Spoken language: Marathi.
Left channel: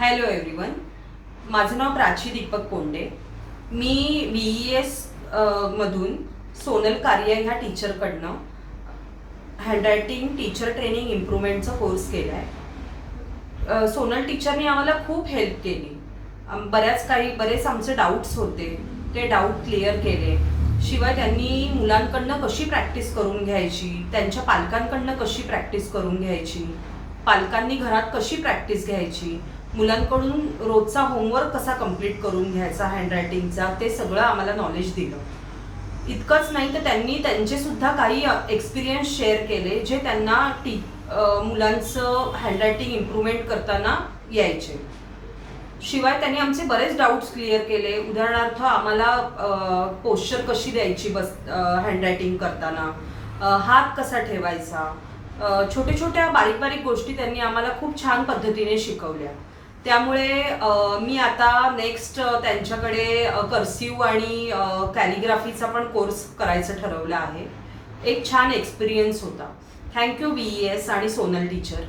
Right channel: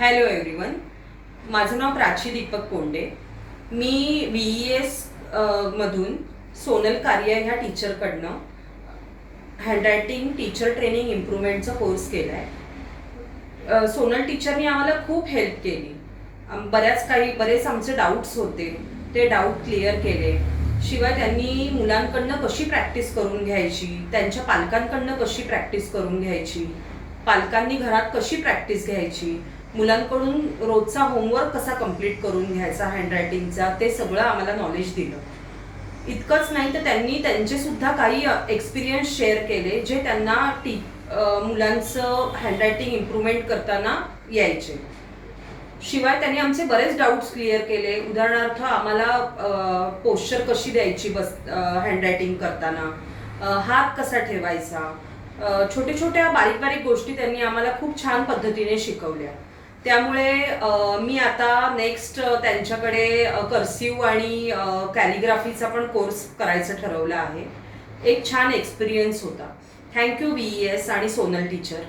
हॅलो एव्हरीवन, माझं नाव प्राची दीपक कोंडे. मी VES मधून सोनल कार्य ह्या टीचरकडनं हँडरायटिंग टीचर ट्रेनिंग इम्प्रूव्हमेंटचा कोर्स केला आहे. सोनल टीचरनी आम्हाला खूप हेल्प केली. बरेच आमचे डाऊट्स होते, ते डाऊट क्लिअर केले. शिवाय त्यांनी मुलांकडनं कशी प्रॅक्टिस करून घ्यायची, त्यांच्या पालकांकडनं कशी प्रॅक्टिस करून घ्यायची, पालकांनी घरात कशी प्रॅक्टिस घ्यायची, मुलांकडून रोजचा होमवर्क कसा कंप्लीट करून घ्यायचा हँडरायटिंगचा, ते सगळं आम्हाला नॉलेज दिलं. इतकंच नाही तर त्यांनी त्यांचे सुद्धा काही एक्सपिरियन्स शेअर केले जे त्यांना मुलांचं हँडरायटिंग इम्प्रूव्हमेंट करताना यायचे. शिवाय त्यांनी आमचे बरेच डाऊट्स क्लिअर केले. उदाहरणार्थ आम्हाला पोश्चर कशी द्यायची हँडरायटिंग करताना, हात कसा ठेवायचा, छोट्या बारीक बारीक गोष्टी त्यांनी आम्हाला खूप छान पद्धतीने शिकवल्या. त्यामुळे मी आता नेक्स्ट त्यांच्याकडे कर्सिव्ह आणि कॅलिग्राफीचा पण कोर्स करायचं ठरवलं आहे. एक छान एक्सपिरियन्स होता. थँक्यू VES आणि सोनल टीचर.